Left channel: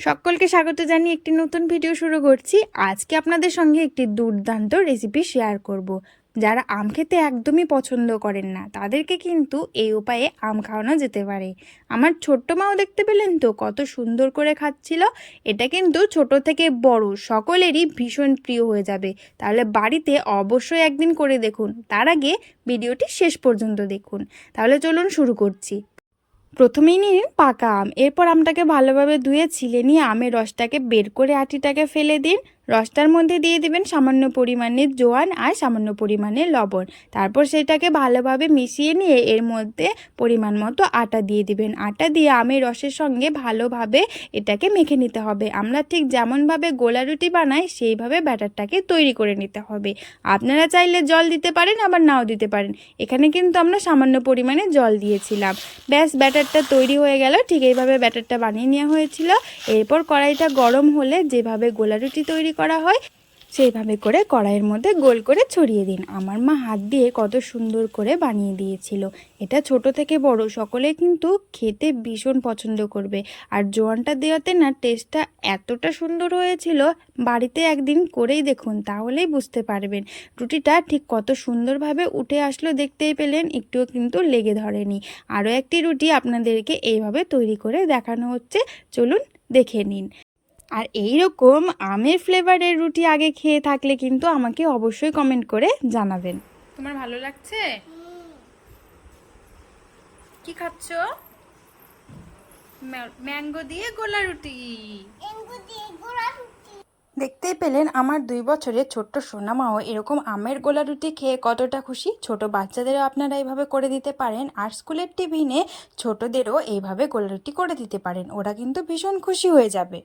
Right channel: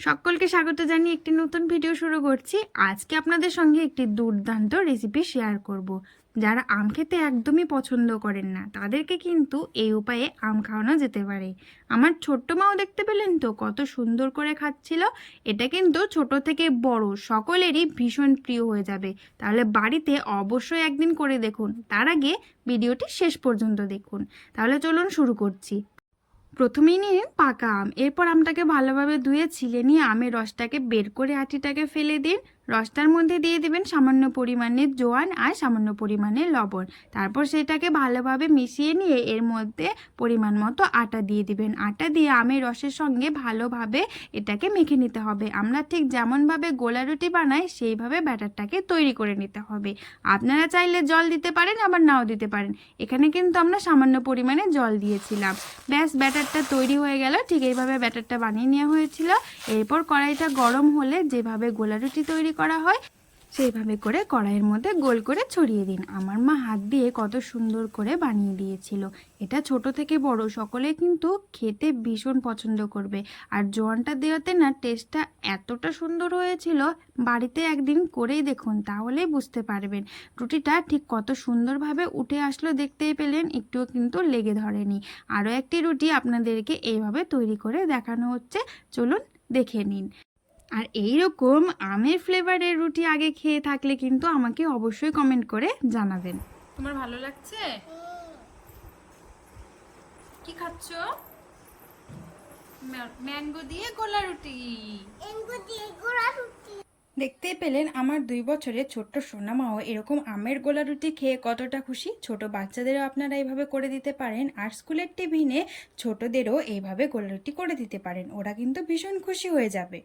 সকলকে স্বাগত জানিয়ে একটি নতুন ভিডিও শুরু করছি। আজকে আপনাদের সঙ্গে একটি দুর্দান্ত রেসিপি শেয়ার করব। যারা আম খেতে একদমই পছন্দ করেন না, তাদেরকে কিন্তু এই উপায়ে আম খাওয়ানো যেতে পারে। আমার ছোট্ট মাও দেখতে পেলেন তো, কত সুন্দর করে খাচ্ছিল। এটা কিন্তু ছোট থেকে বড়, সকলেরই ভীষণ প্রিয় হয়ে যাবে। তাহলে বাড়িতে অবশ্যই একদিন করে দেখুন। তার আগে ভিডিওটি শেষ পর্যন্ত দেখুন। তাহলে চলুন শুরু করছি। প্রথমেই নিন পাকা আম। এরপর আমটাকে ভালোভাবে ধুয়ে ছিলে নিয়ে আমের রসটাকে বের করে আটিটাকে ফেলে দিন। রসটার মধ্যে দিয়ে দিবেন সামান্য পরিমাণে জোয়ান আর সামান্য পরিমাণে লবণ। তারপর সেটাকে ভালোভাবে মিশিয়ে নিয়ে এর মধ্যে পরিমাণ মতো আটা দিয়ে দিবেন। আটা দিয়ে আমের রসের সঙ্গে ভালোভাবে এটাকে মেখে নিতে হবে। আমরা ঠিক যেমনভাবে গোলা রুটি বানাই, সেইভাবে ব্যাটারটাকে তৈরি করে নিতে হবে। আপনারা চাইলে জল দিতে পারেন, আবার নাও দিতে পারেন। এখানে কিন্তু আমরা সামান্য পরিমাণে জল দিয়েছিলাম। ব্যাস, ব্যাটারটা তৈরি হয়ে গেল। ঠিক এইভাবে ব্যাটারটা বানিয়ে নেওয়া হয়েছিল। এরপর কড়াইটা গরম হলে যেভাবে গোলা রুটি তৈরি করা হয়, সেইভাবে করে কড়াইয়ের মধ্যে গোল করে ছড়িয়ে দিন। আমার মা হাত দিয়ে কত সুন্দর করে বানিয়ে দিয়েছিল। এটা ছোট থেকে বড়, সকলে কিন্তু খেতে ভীষণ পছন্দ করবে। আর জোয়ানটা দেওয়াতে না টেস্টটা এতটা সুন্দর হয়েছিল, বাড়িতে একদিন করেই দেখুন, তাহলেই বুঝতে পারবেন। রুটিটা ঠিক কত সুন্দরভাবে উঠে আসলো দেখতেই পেলেন, একটুও কিন্তু লেগে ধরেনি। আরও একটি রুটি আপনাদেরকে এইভাবে তৈরি করে দেখানো হচ্ছে, চলুন দেখে নিন। আর এই রকম আমের ফ্লেভারের রুটি আগে খেয়ে থাকলে কিন্তু আমাকে অবশ্যই কমেন্ট করে জানাবেন। তোমার ভালো লাগছে? কি খাচ্ছ? ম্যাঙ্গো দিয়ে গোলা রুটি। দেখতেই পেলেন আমার দুই বছরের ছোট্ট সোনামাও এরকম আমের গোলা রুটি খেয়ে কতটা খুশি। ছোট বাচ্চাদেরও আপনারা এইভাবে করে দিতে পারেন আর স্কুলের টিফিনে ছোটদেরও এইভাবে গোলা রুটি করে দিতে পারেন। ওরা কিন্তু ভীষণ খুশি হয়ে যাবে।